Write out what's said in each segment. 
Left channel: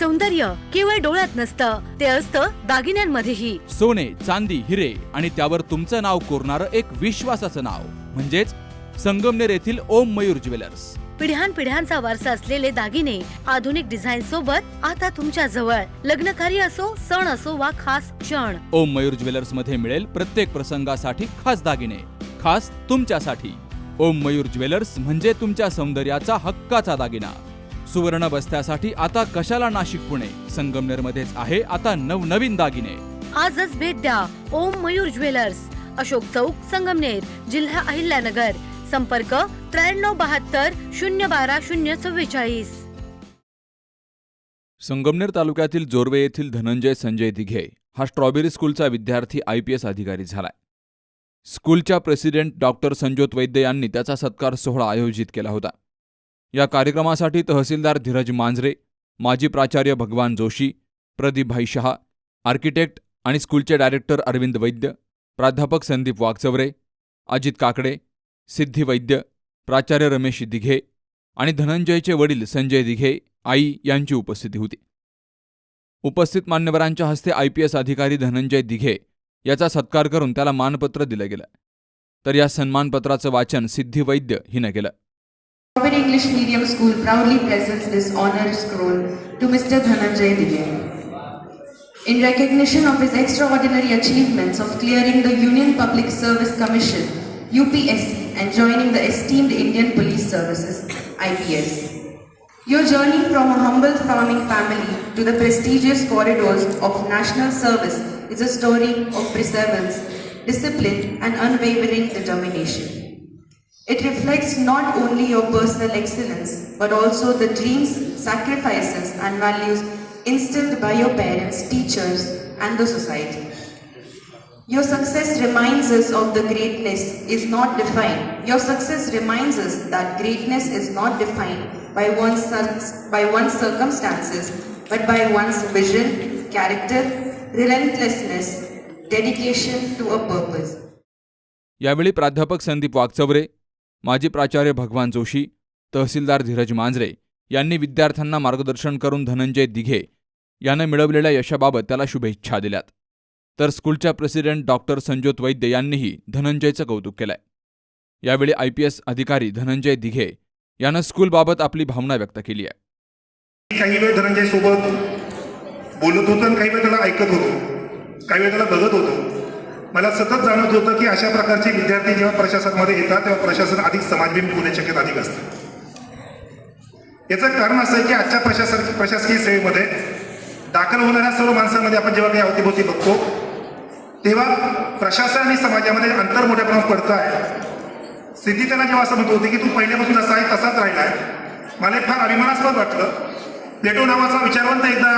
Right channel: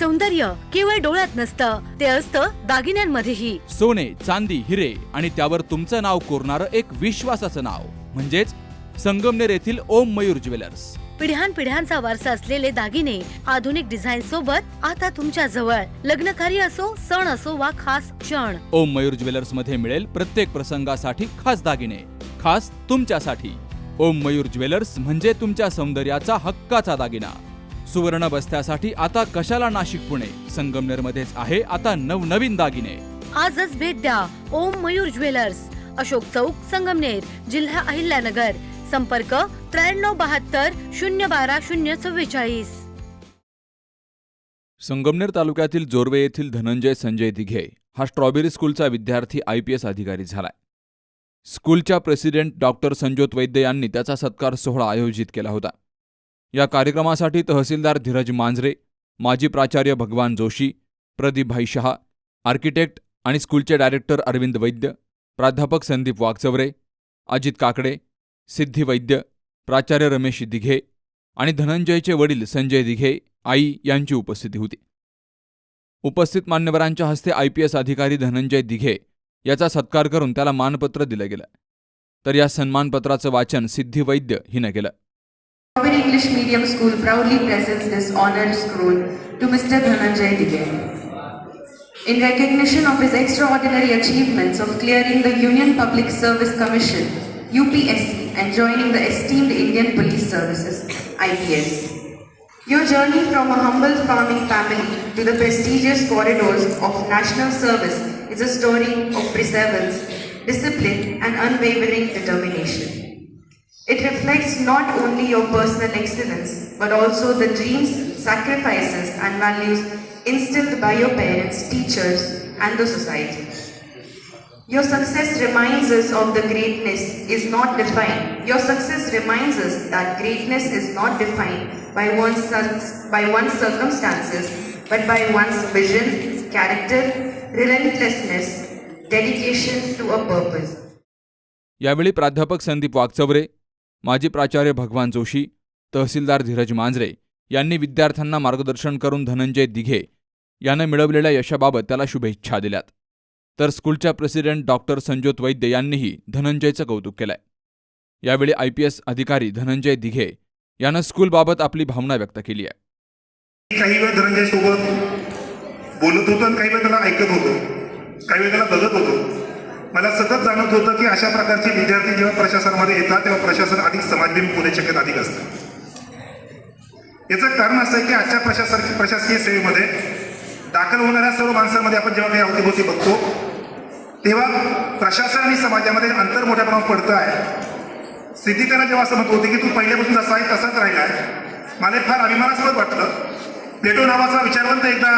सौंदर्य केवळ डोळ्यात नसतं, ते असतं दागिन्यांमध्येही. सोने, चांदी, हिरे आणि त्यावर तुमचं नाव कोरणारं एक विश्वासाचं नाव म्हणजेच संगमनेर येथील ओम मयूर ज्वेलर्स. पिढ्यानपिढ्यांचा वारसा असलेले दागिने आधुनिक डिझाईन सोबत आता तुमच्या जवळ. लग्नकार्य असो, सण असो वा खास क्षण, ओम मयूर ज्वेलर्स मध्ये मिळेल प्रत्येक प्रसंगासाठी खास दागिने, खास तुमच्यासाठी. ओम मयूर ज्वेलर्स म्हणजे तुमच्या सौंदर्याचा हक्काचा दागिना. सुवर्ण बस्त्यासाठी आता कशाला नाशिक पुणे, संगमनेर मध्येच आहे आता नवनवीन दागिने. आजच भेट द्या ओम मयूर ज्वेलर्स, अशोक चौक, संगमनेर, जिल्हा अहिल्यानगर. संपर्क 9372 012 044. संगमनेर तालुक्यातील जोर्वे येथील धनंजय संजय दिघे हा स्ट्रॉबेरी स्कूलचा विद्यार्थी IPS अधिकारी झालाय. स्कूलच्या प्रेसिडेंट डॉक्टर संजोत वैद्य यांनी त्याचा सत्कार सोहळा आयोजित केला होता. या कार्यक्रमासाठी तहसीलदार धीरज मांजरे, माजी प्राचार्य भगवान जोशी, प्रदीपभाई शहा, आर्किटेक्ट आणि स्कूलचे डायरेक्टर अरविंद वैद्य, प्राध्यापक संदीप वागचवरे, अजित काकडे, सिद्धी वैद्य, प्राचार्य रमेश दिघे आणि धनंजयचे वडील संजय दिघे, आई यांची उपस्थिती होती. उपस्थित मान्यवरांच्या हस्ते IPS अधिकारी धनंजय दिघे याचा सत्कार करून त्याला मानपत्र दिलं गेलं. तर या सन्मानपत्राचं वाचन सिद्धी वैद्य हिनं केलं. Strawberry English Medium School proudly presents this honor scroll to Mr. Dhananjay Dighe. In recognition of his extraordinary achievements of clearing the Union Public Service Commission (UPSC) and joining the esteemed Indian Police Services (IPS). Your journey from a humble farming family to the prestigious corridors of national service is a story of perseverance, discipline, and unwavering determination. It reflects not only your personal excellence, but also the dreams, sacrifices, and values instilled by your parents, teachers, and the society. Your success reminds us of the greatness is not defined. Your success reminds us that greatness is not defined by one's circumstances, but by one's vision, character, relentlessness, dedication to a purpose. यावेळी प्राध्यापक संदीप वागचवरे, माजी प्राचार्य भगवान जोशी, तहसीलदार धीरज मांजरे यांनी विद्यार्थ्यांना मार्गदर्शन करून धनंजय दिघे यानं मिळवलेल्या यशाबाबत त्याला शुभेच्छा दिल्यात. तर स्कूलच्या प्रेसिडेंट डॉक्टर संजोत वैद्य यांनीही धनंजयचं कौतुक केलंय. यावेळी IPS अधिकारी धनंजय दिघे यानं स्कूलबाबत आपली भावना व्यक्त केली आहे. काही वेळ धनंजय सोबत बोलत होतो आणि काही वेळ त्याला ऐकत होतो, काही वेळ त्याला बघत होतो. मला सतत जाणवत होतं की अशा प्रकारचे विद्यार्थी जेव्हा प्रशासनामध्ये येतात तेव्हा प्रशासन अधिक समाजभिमुख होण्याची शक्यता अधिक असते. याचं कारण असं आहे की आजच्या प्रशासकीय सेवेमध्ये दाखल होणाऱ्या सर्व माणसांमध्ये आपण जेव्हा काही अवतीभोवती बघतो तेव्हा प्रशासन आणि समाजामध्ये अंतर मोठ्या प्रमाणात पडतं आहे. सिद्धी त्यांना जेव्हा असं म्हणत होते की तू पहिल्यापासून जसा आहे तसाच राहिला आहे, मला फार अभिमानास्पद वाटलं. प्लेटो नावाचा विचारवंत एकदा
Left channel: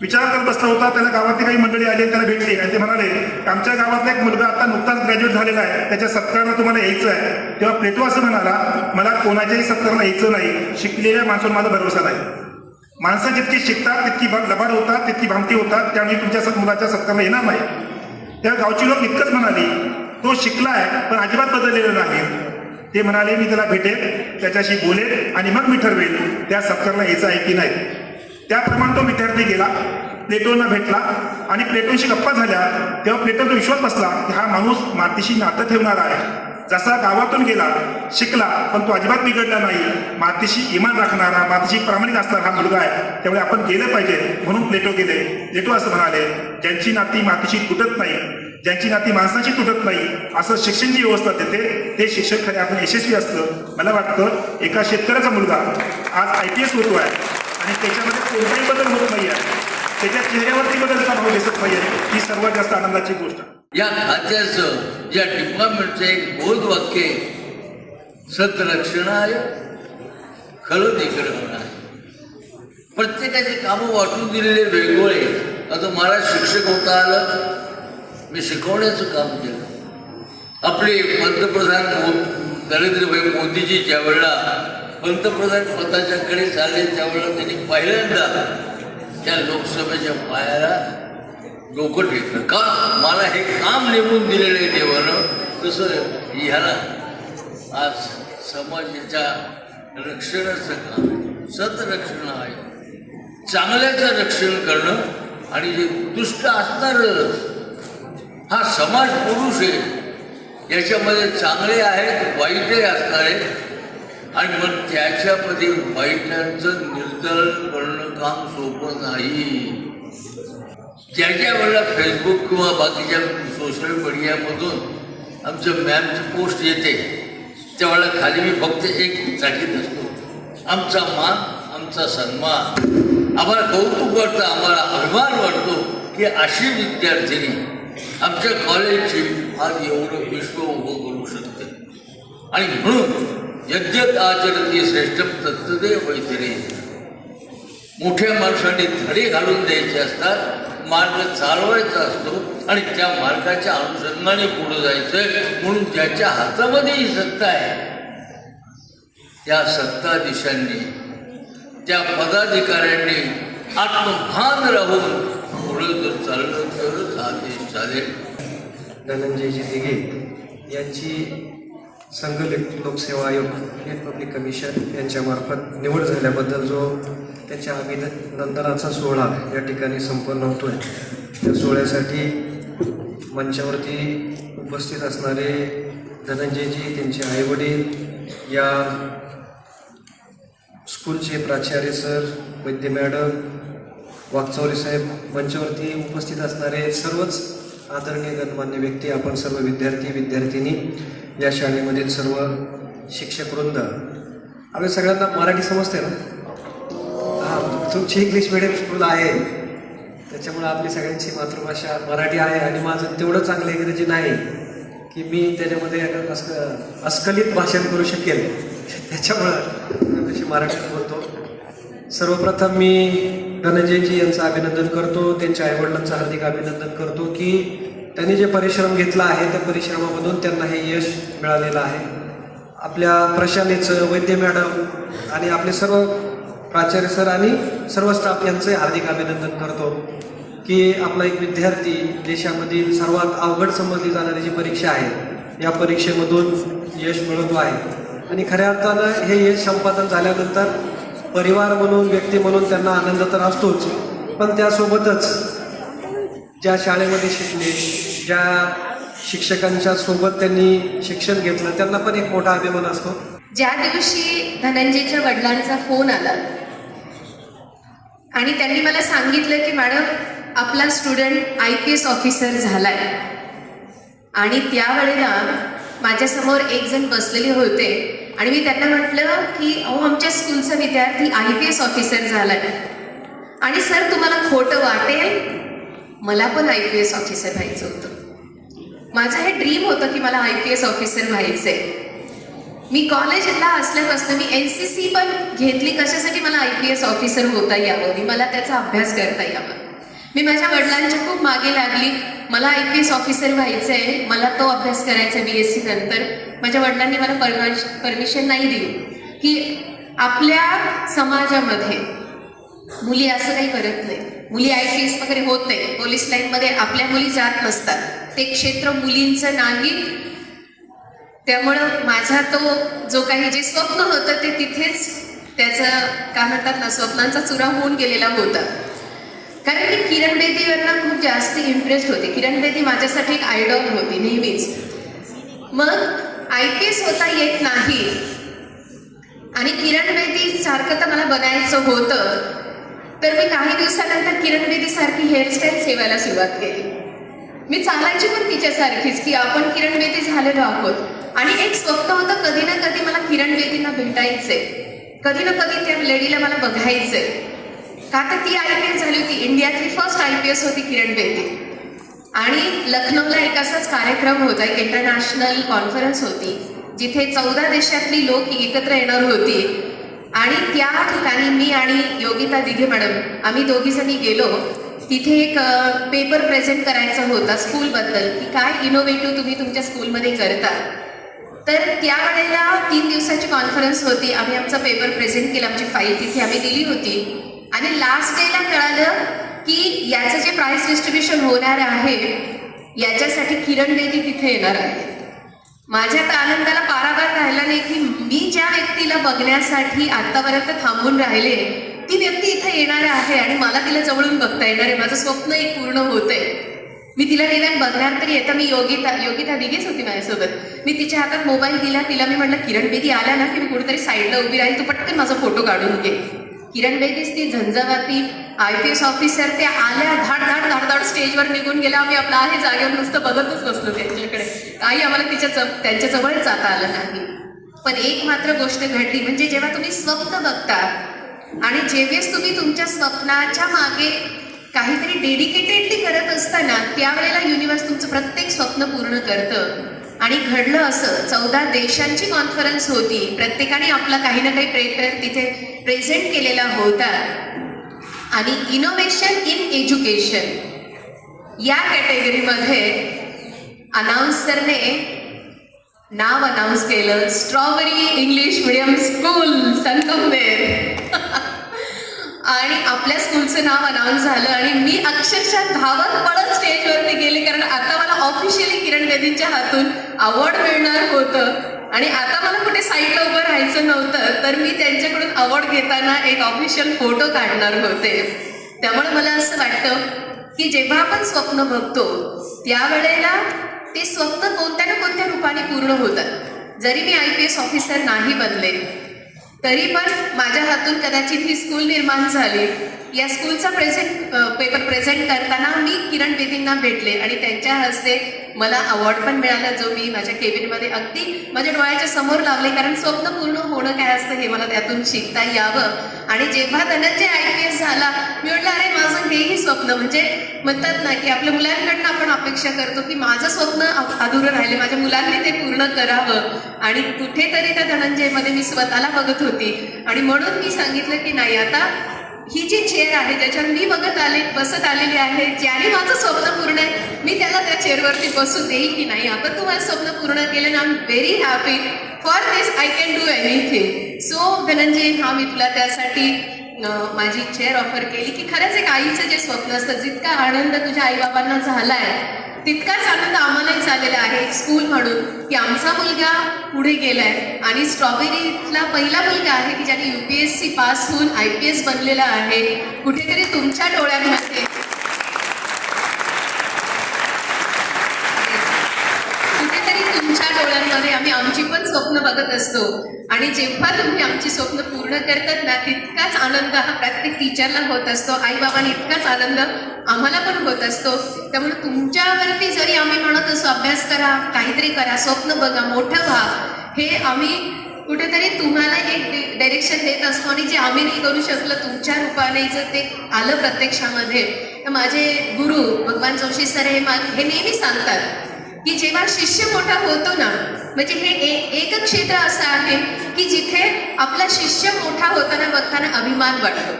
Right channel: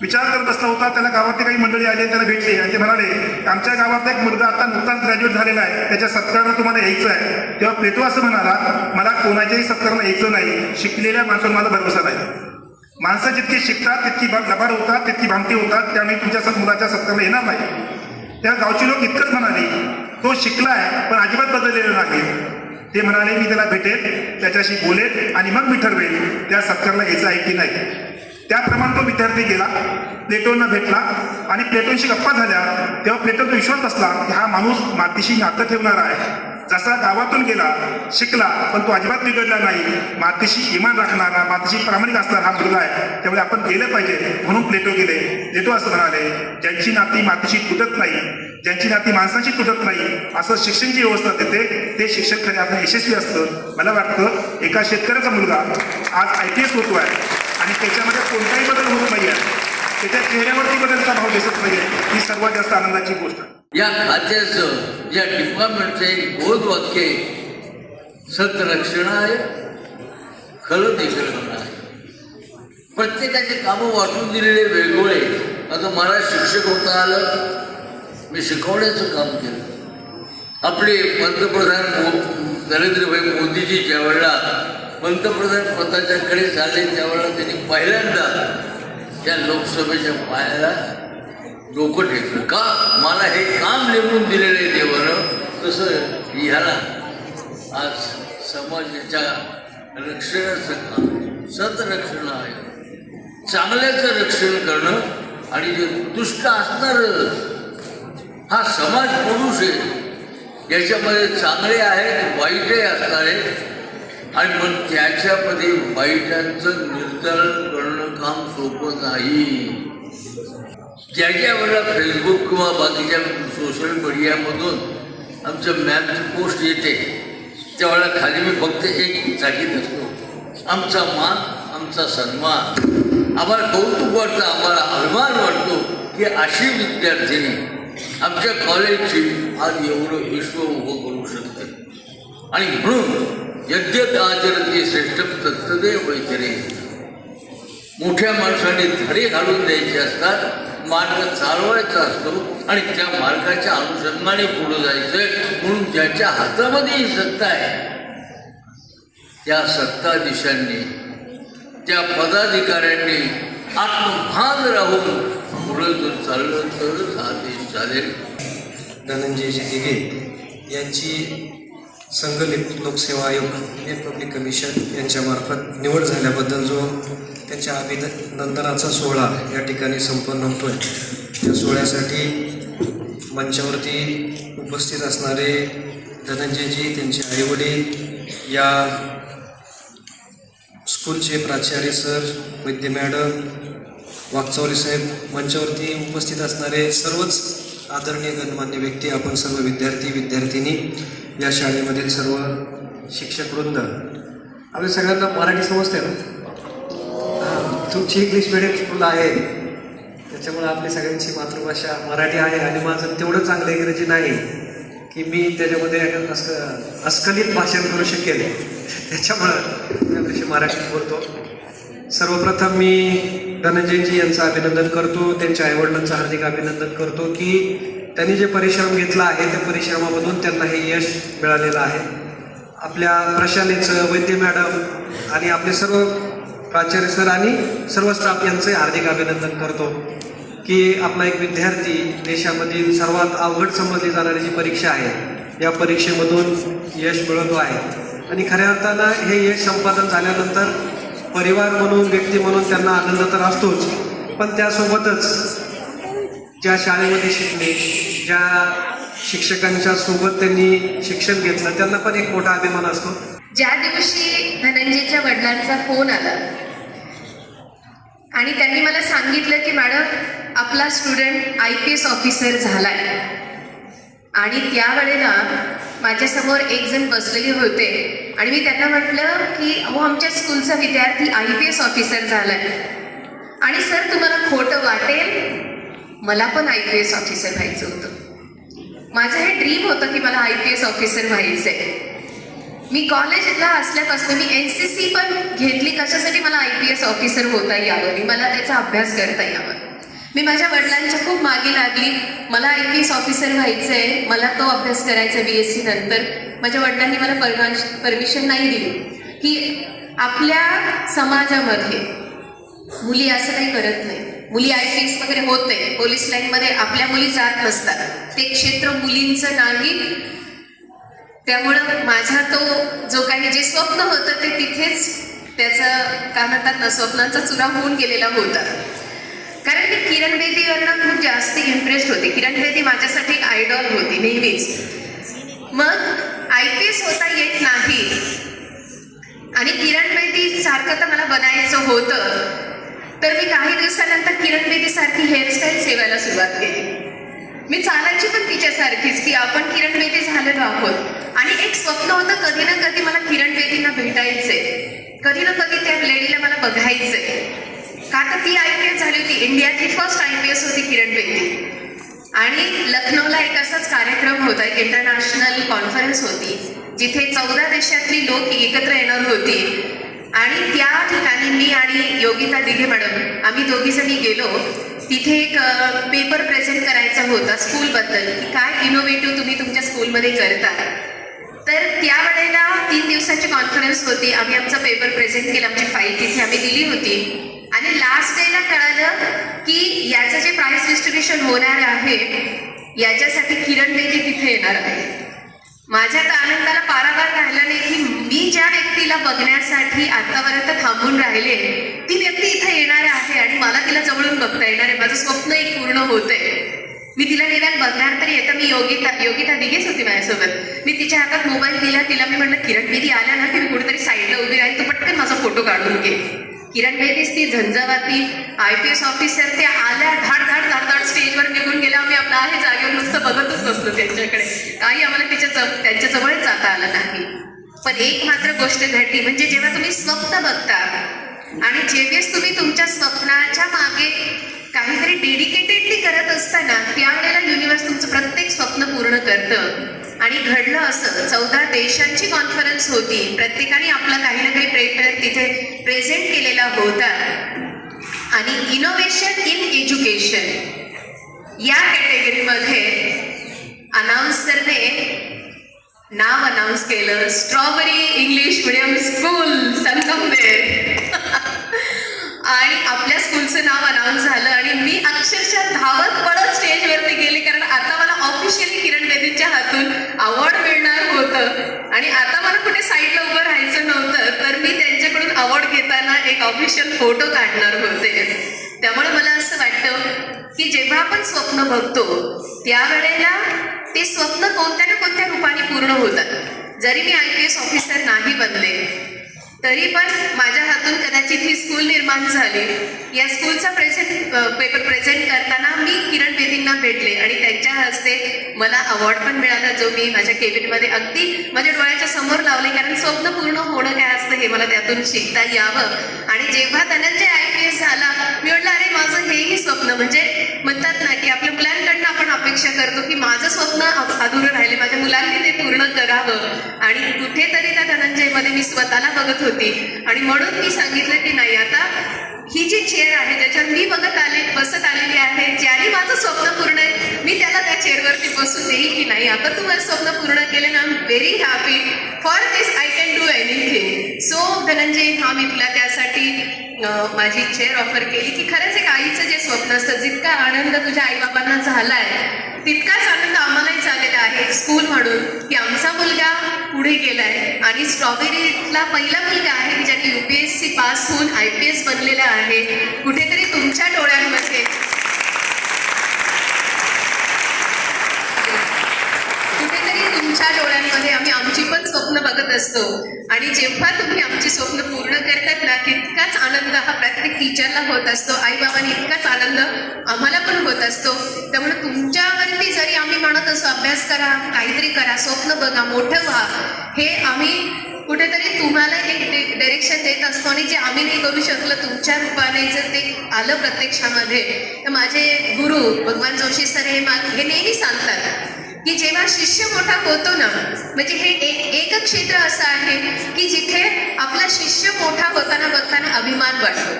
विचार करत बसला होता. त्याला गावातली काही मंडळी आली, त्याला भेटली आणि ते म्हणाले आमच्या गावातला एक मुलगा आता नुकताच ग्रॅज्युएट झालेला आहे, त्याच्या सत्काराला तुम्हाला यायचं आहे. तेव्हा प्लेटो असं म्हणाला, मला कोणाच्याही सत्काराला यायचं नाही, शिकलेल्या माणसावर माझा भरवसा नाही. माणसं जितकी शिकतात तितकी लबाड होतात, तितकी भांगती होतात, त्यामुळे तुमच्या मुलाच्या सत्काराला येणार नाही. त्या गावची लोक इतकंच म्हणाली, तो शिकलाय पण अजिबात बदललेला नाही. ते म्हणाले मी त्याला भेटेल, त्याच्याशी बोलेल आणि मग मी ठरवेल त्या सत्काराला यायचं आहे की नाही. त्याप्रमाणे तो विद्यार्थी गेला, प्लेटोना भेटला आणि प्लेटोशी गप्पा झाल्या. तेव्हा प्लेटोचा विश्वास बसला की हा माणूस मातीशी नातं ठेवणार आहे. जसा गावातून गेला, शिकला, पण तो अजिबात बिघडला नाही, मातीशी इमान राखणारा, मातीशी प्रामाणिक असणारा हा मुलगा आहे, त्यामुळे आपण गेले पाहिजे म्हणून प्लेटो गेले. प्लेटो असं म्हणाले, ज्यांची नाती मातीशी तुटत नाही, ज्यांची नाती माणसाची तुटत नाही, असं शिक्षण जी व्यवस्था देते ते शिक्षण खरे आपण यशस्वी असतं. मला वाटतं एका शेतकऱ्याचा मुलगा आज IPS होतो आहे आणि त्याच्यामध्ये कोणताही बदल होत नाही आहे, त्याच्या चेहऱ्यावरती बदलचा भाव दिसत नाही, ही सर्वात जास्त आनंदाची गोष्ट आहे. या खात्याचं या डिपार्टमेंटचं एक बोध वाक्य सतरक्षणाय खलनिग्रहणाय. प्रत्येकाचे कामं वाटून दिलेले वेगवेगळे. आता मला शिक्षक होता आलं, मी शिकवण्याचं काम केलं. आपले पंतप्रधान नरेंद्रभाई मोदीजी ज्यावेळेला पंतप्रधान पदाच्याकडे झाले त्यावेळेला त्यांनी पहिल्यांदा त्या लोकसभेच्या पायाला डोकं टेकलं. का मला हे काम नेमून दिलेले देवानं, तसं ह्याला आज समाजाच्या रक्षणाचं काम सतरक्षण आहे. चांगल्याचं रक्षण करणं आणि जे दुष्ट असणार हा समाज पुरुष आहे, याच्यामध्ये चांगले आहेत वाईटही असणार आहेत आणि मग त्याच्यामध्ये वाईटांचं निर्धारण करणं काम सोपं नाही. ज्याच्या वेळेला फेसबुक किंवा बाकीच्या सोशल मीडियामधून आमचं मॅमची पोस्ट येते त्यावेळेला खाली मी फक्त एक साठी असतो, आमचा मान आमचा सन्मान. आम्हाला कौतुक वाटतं, आम्हाला अभिमान वाटतो की अशी विद्यार्थिनी आमच्या कॉलेजची आज एवढं विश्व उभं करू शकते. आणि म्हणून यज्ञ आचरती श्रेष्ठ तत्त्वदेव वैतरे. मोठ्या माणसाने धडे घालून द्यायचे असतात, मार्ग चालवायचा असतो आणि त्या मार्गाच्या अनुषंगाने पुढे जायचं. म्हणून ज्याच्या हातामध्ये ही सत्ता आहे त्या सत्ताधीशांनी त्या पदाधिकाऱ्यांनी आत्मभान राहून पुढे जर चाललं तर हा देश चालेल. धनंजयजी दिघे यांची संघ लोकसेवा आयोग रिपब्लिक कमिशन यांच्यामार्फत निवड झाल्याबद्दल जो त्यांच्या अभिनंदनाचा सोहळा या ठिकाणी संपन्न होतो, त्या सोहळ्यासाठी मंचावरती उपस्थित असणारे धनंजयजी, त्यांचे आईवडील, या स्कूलचे प्राचार्य सर, वैद्य मॅडम, वागचौरे साहेब, मंचावरती उपस्थित असणारे सर्वच आदरणीय गणमान्य व्यक्ती, आपण सर्व विद्यार्थी या शाळेमधील सर्व शिक्षकवृंद, आम्ही सगळ्यांना मराठी समजते ना. तुमची इंग्लिश मिडियम स्कूल आहे त्याच्यामुळे आपली सगळ्यांची मातृभाषा मराठी आहे आणि माझं तेवढं चांगलं इंग्रजी नाही की मी त्याच्यामध्ये अस्खलित भाषण करू शकेल, त्याच्यामुळं मी मराठीत बोलतो. सर्वप्रथम मी धनंजयजी यांचं अभिनंदन करतो, त्यांच्या आईवडिलांचं हार्दिक अभिनंदन करतो की त्यांनी जे परिश्रम घेतला आहे त्या परिश्रमामधून त्यांना हे यश मिळालेलं आहे. आपल्या प्रशालेचं, वैद्य मॅडम आणि आपले सर्व प्राचार्य सर आणि सर्व स्टाफ यांचे हार्दिक अभिनंदन करतो की आपला एक विद्यार्थी देशामधील सर्वात अवघड समजली जाणारी जी परीक्षा आहे या परीक्षेमधून यश मिळवतो आहे. आणि खऱ्या अर्थानं हे यश संपादन झाल्यानंतर परिवार म्हणून, व्यक्ती म्हणून त्यांना आनंद तर असतोच, पण त्यासोबतच ज्या शाळेमध्ये शिकले, ज्या शिक्षकांच्या सोबत त्यांनी शिक्षण घेतलं, त्यांना पण एक मोठा अभिमान असतो. ज्या दिवशी धनंजयच्या वडिलांचा फोन आला आणि त्यांनी मला सांगितलं की मॅडम आपला स्टुडंट IPS ऑफिसर झालाय, आणि त्यावेळेला माझ्यासमोर एक जण बसलेले होते आणि मी त्यांना म्हटलं की अहो आमच्या स्कूलचा विद्यार्थी IPS ऑफिसर झालाय. आणि सर तुम्हाला खोटं वाटेल, मला पण IPS ऑफिसर व्हायचं होतं. माझं हे ड्रीम होतं की मला IPS ऑफिसर व्हायचंय. मी कॉलेजला असल्यापासून मी NCC पण घेतली, कशासाठी मला IPS ऑफिसर होता यावं, मला त्याचा अभ्यास करता यावा. मी माझ्या वडिलांच्या खूप मागे लागली, मला IPS ऑफिसर व्हायचं आहे, मला तो अभ्यास करायचा BSc नंतर. माझ्या वडिलांनी मला परमिशन नाही दिली की आपल्या समाजामध्ये मुली असं काही करत नाही, मुली IPS वगैरे होत नाही, पोलीस लाईनमध्ये आपल्या मुली जात नसतात, ते क्षेत्र मुलींचं नाही. त्यामुळं माझा तो जो काही जे स्वप्न होतं ते तिथेच त्याचं काय म्हणतात ना, स्वप्नांचा चुरा होऊन गेलेला होता. कारण मी किरण बेदीवरनं खूप जास्त इम्प्रेस्ड होते. किरण बेदी माझ्यासाठी एक आयडॉल होती नेहमीच. मग IPS होता येत नाही आणि किरण बेदी सारखं तर मला बनायचं होतं, तर मी काही दिवसानंतर किरण बेदी सारखी हेअरस्टाईल सेवायला सुरुवात केली. मी चालायची पण तिच्यासारखीच की आपण किरण बेदी झालेलो आहोत. आणि एक स्वप्न होतं, कधी ना कधी मला किरण बेदींना भेटायचंय, कधी ना कधी त्या लेडीला मला बघायचंय. का तर ती IPS झाली होती, इंडियातली फर्स्ट IPS होती किरण बेदी. आणि लखनौला एक असाच कार्यक्रम होता, एक इंटरनॅशनल कॉन्फरन्स होती जिथे 14 देशातली लोक एकत्र येणार होती. आणि त्या ठिकाणी मी आणि योगिता दिघे मॅडम आम्ही दोघीजणी गेलो. तिथे एक पेपर प्रेझेंट करायचा होता स्कूलबद्दल की काय इनोव्हेटिव्ह तुम्ही तुमच्या स्कूलमध्ये करता. तर त्यावेळेला 3 दिवसाची कॉन्फरन्स होती. आम्ही आमचा पेपर प्रेझेंट केला, आमची फाईल तिथे आम्ही दिली होती. आणि लास्ट डेला कळालं की याचं जे प्राइस डिस्ट्रीब्युशन होणार आहे याच्यासाठी किरण बेदी तिथे येणार आहे. माझ्या तर आनंदाला पारावार राहिला नाही की मी ज्या व्यक्तीला बघण्यासाठी आतापर्यंत थांबून राहिले ती व्यक्ती इथे येणार आहे आणि मला तिला जवळून बघता येणार आहे, माझं स्वप्न एक पूर्ण होतंय. मी तिला निदान बघणार तरी येतं. मी योगिता दिघेच होती माझ्यासोबत. मी तिच्या हातात मोबाईल दिला, तिला मी म्हटलं किरण बेदी आल्या ना की मी कुठेतरी साईडला उभी राहील, तर पटकन माझा फोटो काढून घे. किरण बेदीच ती झंझावाती IPS ऑफिसर, ते आल्या धाड स्टेजवर निघून गेल्या. आम्ही आपला आहे जागेवर नुसतं बघतच बसलो त्यांच्याकडे. काही आम्हाला त्यांच्या जवळ जाता आलं नाही. पण एक मात्र गोष्ट घडली, म्हणजे जेव्हा तुम्ही स्वप्न बघता आणि जेव्हाच तुम्ही तुमच्या स्वप्नाच्या मागे काहीतरी डेडिकेटेडली करत असताना त्यावेळेला युनिव्हर्स तुमचं प्रत्येक स्वप्न पूर्ण करतं. आणि घडलं असं. 14 देशांची कॉन्फरन्स होती. प्रत्येकाने आपला काही ना काही पेपर तिथे प्रेझेंट केलेला होता. आणि इनोव्हेशन इन एज्युकेशन या कॅटेगरीमध्ये अनाउन्सरने नाव अनाऊन्स केलं, strawberry English medium school Sangamner. आणि आपल्या स्कूलचं नाव अनाऊन्स झालं आणि मी अक्षरशः धावत पळत स्टेजवरती गेले, कारण आता मला ऑफिशियली किरण बेदींच्या हातून अवॉर्ड मिळणार होतं आणि आता मला कुठे साईडला उभं राहायचं नव्हतं. तर मी त्यांच्याकडून अवॉर्ड घेताना एक ऑफिशियल फोटो काढणार होते. त्यामुळे मला असं वाटतं की जेव्हा आपण स्वप्न बघतो त्यावेळेला ते स्वप्न कोणत्या ना कोणत्या रूपाने पूर्ण होतात. जरी मी IPS ऑफिसर नाही बनले तरी पण माझ्या हातून कदाचित ही स्कूल निर्माण झाली. या स्कूलचा पेपर प्रेझेंट करताना मी किरण बेदींना भेटले आणि त्यांच्या हस्ते मला अवॉर्ड पण मिळाला, जो मी माझ्या केबिनमध्ये अगदी माझ्या डोळ्याच्या समोर लावले. कारण स्वप्न पूर्ण होणं काय असतं हे मला त्यातून शिकता यावं. आणि जेव्हा धनंजय IPS झाला, मी म्हटलं अरे माझं हेही स्वप्न, म्हणजे म्हणतात ना की आपल्या मुलांकडनं आपण अपेक्षा करतो की माझं स्वप्न अधुरं राहिले, माझ्या मुलांनी ते पूर्ण करावं. आणि कुठेतरी त्या धनंजयमध्ये मी स्वतःला बघत होती आणि म्हणून मी सांगितलं की नाही, आता ही जी चेअर आहे ज्याच्यावर मी बसत आलेली आहे, ज्याने माझं स्वप्न पूर्ण आहे, मी त्याला त्या चेअरवरती बसू देईल की नाही. आता तू माझं स्वप्न पूर्ण केलं ना, I am very happy for this, I can do anything. So Dhananjay, हा मी तुला त्यासाठी माझी चेअर ऑफर केली की खरंच एक आईचं जे स्वप्न असतं, जितका आनंद तुझ्या आईबाबांना झालाय तितकाच आनंद आम्हालाही झालेला आहे स्कूल म्हणून, की आमचा मुलगा पुढे गेलाय आणि स्ट्रॉबेरीतला पहिला मुलगा आहे की ज्याने UPSC पास होऊन IPS बनलेला आहे. कुठेतरी तुमच्या डोळ्यांमध्ये आम्ही आमची पण स्वप्न बघत असतो. आणि जेव्हा तुम्ही आमची स्वप्न पूर्ण करतात ना, तितकाच आनंद हा प्रत्येक टीचरला होत असतो, आईबाबांनी इतकाच आनंद आम्हाला पण होत असतो. त्यामुळे तुमच्यावरती जरी आम्ही म्हणत असतो अभ्यास करा, काहीतरी करा, स्वप्न बघा, मोठं व्हा, हे आम्ही कुठेतरी तुम्हाला एक डायरेक्शन देत असतो. आणि जे आम्ही नाही करू शकलो तुमच्या रूपाने जर ते आलं प्रत्यक्षामध्ये, तर माझे गुरु भगवान जोशी सर हे नेहमी सांगतात की जेव्हा शिष्य मोठा होतो ना, म्हणजे हे एक क्षेत्र असं आहे की जिथे आपला शिष्य मोठा होताना बघताना अभिमान वाटतो.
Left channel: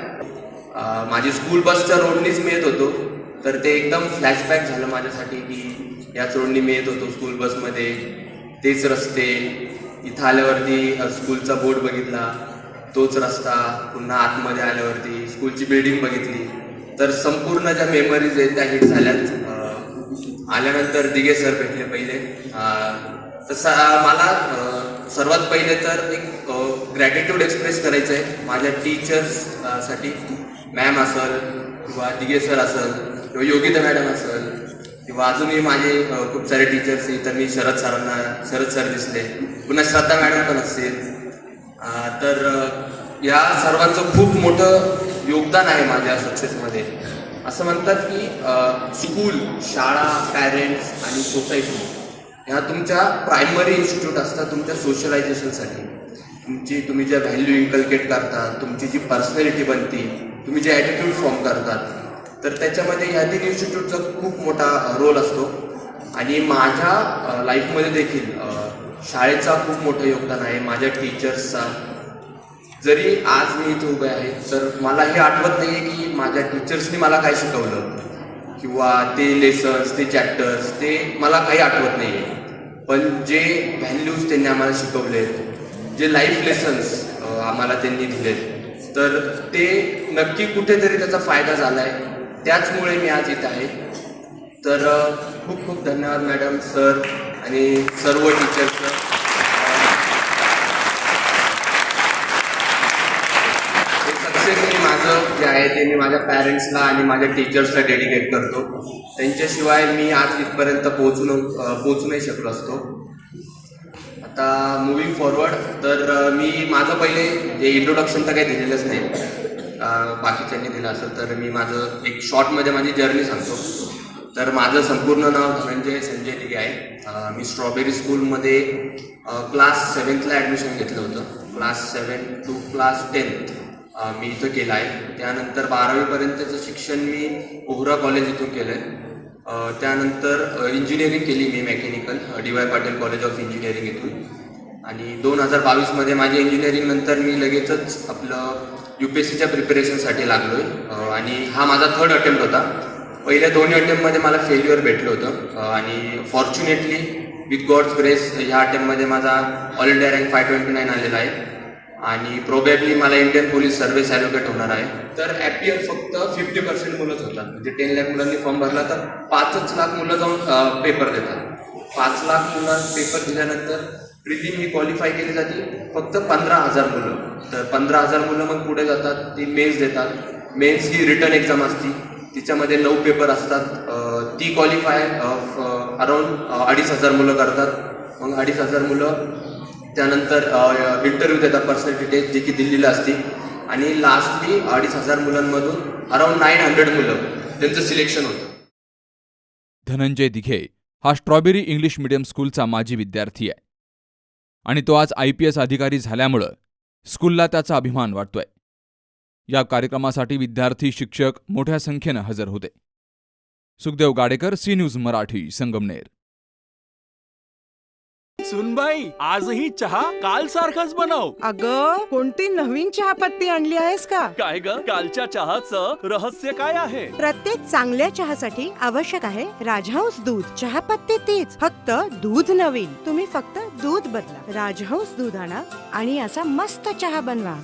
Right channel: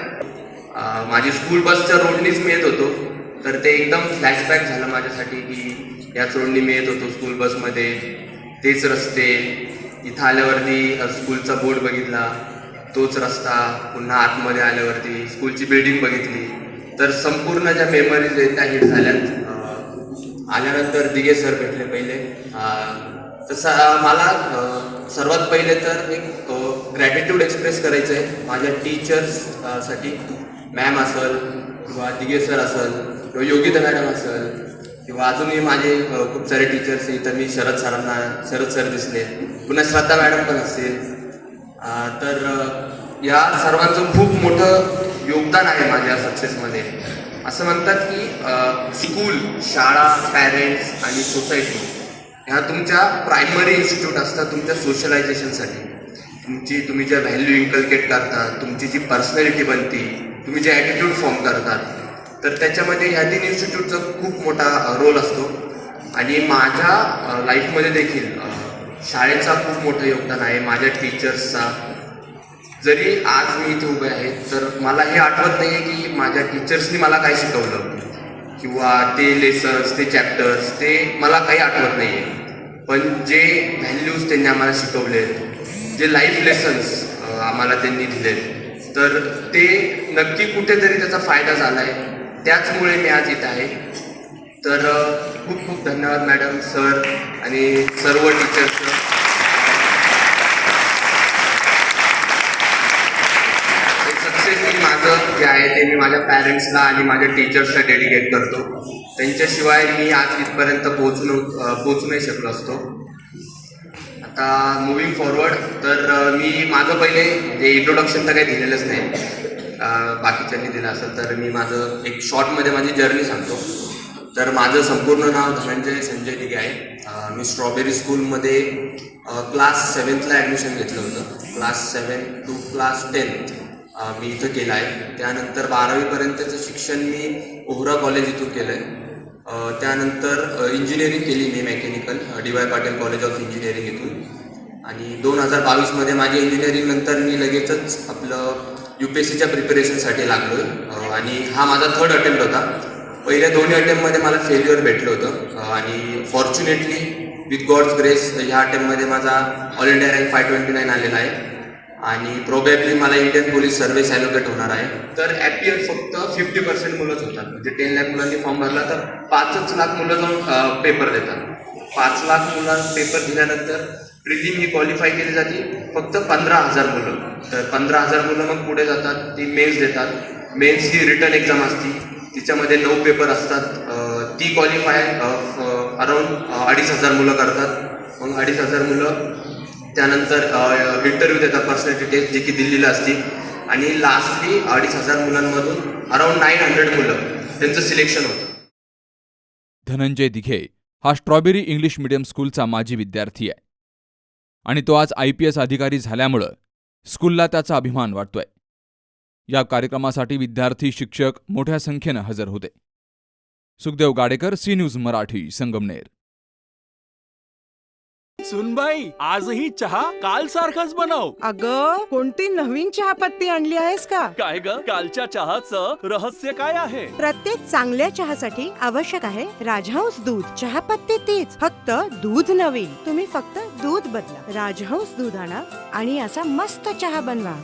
माझी स्कूल बसच्या रोडनीच मी येत होतो, तर ते एकदम फ्लॅशबॅक झालं माझ्यासाठी की याच रोडनी मी येत होतो स्कूल बसमध्ये, तेच रस्ते, इथं आल्यावरती स्कूलचा बोर्ड बघितला, तोच रस्ता, पुन्हा आतमध्ये आल्यावरती स्कूलची बिल्डिंग बघितली, तर संपूर्ण ज्या मेमरीज आहेत त्या हिट झाल्यात. आल्यानंतर दिघे सर भेटले पहिले. तसं मला सर्वात पहिले तर एक ग्रॅटिट्यूड एक्सप्रेस करायचं आहे माझ्या टीचर्ससाठी. मॅम असेल किंवा दिघे सर असेल किंवा योगिता मॅडम असेल किंवा अजूनही माझे खूप सारे टीचर्स, इथं मी शरद सर दिसले, पुन्हा श्रद्धा मॅडम पण असते. तर या सर्वांचं खूप मोठं योगदान आहे माझ्या सक्सेसमध्ये. असं म्हणतात की स्कूल, शाळा, पॅरेंट्स आणि सोसायटी ह्या तुमच्या प्रायमरी इन्स्टिट्यूट असतात तुमच्या सोशलायझेशनसाठी. तुम्ही ज्या व्हॅल्यू इन्कल्केट करतात, तुमची जी पर्सनॅलिटी बनती, तुम्ही जे ॲटिट्यूड फॉर्म करतात, तर त्याच्यामध्ये ह्या 3 इन्स्टिट्यूटचा खूप मोठा रोल असतो. आणि माझ्या लाईफमध्ये देखील शाळेचा खूप मोठं योगदान आहे, माझ्या टीचर्सचा. जरी आज मी इथे उभे आहे तर मला हे आठवत नाही आहे की माझ्या टीचर्सनी मला काय शिकवलं किंवा ते लेसन्स, ते चॅप्टर्स, ते मला काही आठवत नाही आहे. पण जे व्हॅल्यूज त्यांनी आम्हाला शिकवलेत, जे लाईफ लेसन्स आम्हाला त्यांनी दिलेत, तर ते नक्की कुठेतरी त्याचा फायदा झाला आहे. त्याचमुळे मी आज इथं आहे. तर खूप खूप धन्यवाद मॅडम, सर आणि सर्व टीचर्स. सक्सेस ही माझं जे आहे ते मी माझ्या पॅरेंट्सला आणि माझ्या टीचर्सला डेडिकेट करतो. त्यांच्याशिवाय मी आज इथपर्यंत पोहोचू नाही शकलो असतो. आता मुव्हिंग फॉरवर्ड तर मी माझं पहिले जे इंट्रोडक्शन तर काही दिलेलंच नाही, बाकीच्यांनी दिलं असेल तर मी माझं एक शॉर्टमध्ये माझी जर्नी सांगतो. तर माझं संपूर्ण नाव धनंजय संजय दिघे आहे. मी स्ट्रॉबेरी स्कूलमध्ये क्लास 7th ॲडमिशन घेतलं होतं. क्लास 7 to क्लास 10 मी इथं केलं आहे. त्यानंतर 12वीपर्यंतचं शिक्षण मी ओहरा कॉलेज इथून केलं आहे. त्यानंतर इंजिनिअरिंग केली मी mechanical DY Patil college of engineering इथून. आणि 2022मध्ये माझी इंजिनिअरिंग नंतर मी लगेचच आपलं UPSCच्या प्रिपरेशनसाठी लागलो आहे. आणि हा माझा 3rd अटेम्प्ट होता. पहिल्या 2 अटेम्प्टमध्ये मला फेल्युअर भेटलं होतं आणि फॉर्च्युनेटली विथ गॉड्स ग्रेस ह्या अटेम्प्टमध्ये माझा ऑल इंडिया रँक 529 आलेला आहे. आणि प्रोबेबली मला इंडियन पोलीस सर्व्हिस ॲलोकेट होणार आहे. तर ॲपियर फक्त 50% मुलंच होतात. म्हणजे 10 लाख मुलांनी फॉर्म भरला तर 5 लाख मुलं जाऊन पेपर देतात. 5 लाख मुलं पेपर दिल्यानंतर प्रिलिम ही क्वालिफाय केली जाते फक्त 15,000 मुलं. तर 15,000 मुलं मग पुढे जातात, ती मेन्स देतात. मेन्स ही रिटर्न एक्झाम असती, तिच्यामध्ये 9 पेपर असतात. ती क्वालिफाय अराऊंड 2,500 मुलं करतात. मग 2,500 मुलं त्यानंतर इंटरव्ह्यू देतात, पर्सनॅलिटी टेस्ट जी की दिल्लीला असते. आणि लास्टली 2,500 मुलांमधून अराऊंड 900 मुलं त्यांचं सिलेक्शन होतं. धनंजय दिघे हा स्ट्रॉबेरी इंग्लिश मीडियम स्कूलचा माजी विद्यार्थी आहे आणि तो आज IPS अधिकारी झाल्यामुळं स्कूलला त्याचा अभिमान वाटतोय. या कार्यक्रमासाठी विद्यार्थी, शिक्षक मोठ्या संख्येनं हजर होते. Sukhdev Gadekar, C news Marathi, Sangamner. सुनबाई, आजही चहा काल सारखाच बनव. अगं, कोणती नवीन चहापत्ती आणली आहेस का? काय ग, कालच्या चहाचं रहस्य काय आहे? प्रत्येक चांगल्या चहासाठी आवश्यक आहे राजहंस दूध. चहापत्ती तीच, फक्त दूध नवीन. तुम्ही फक्त दूध बदला. राजहंस दूध आणा आणि असा मस्त चहा बनवा.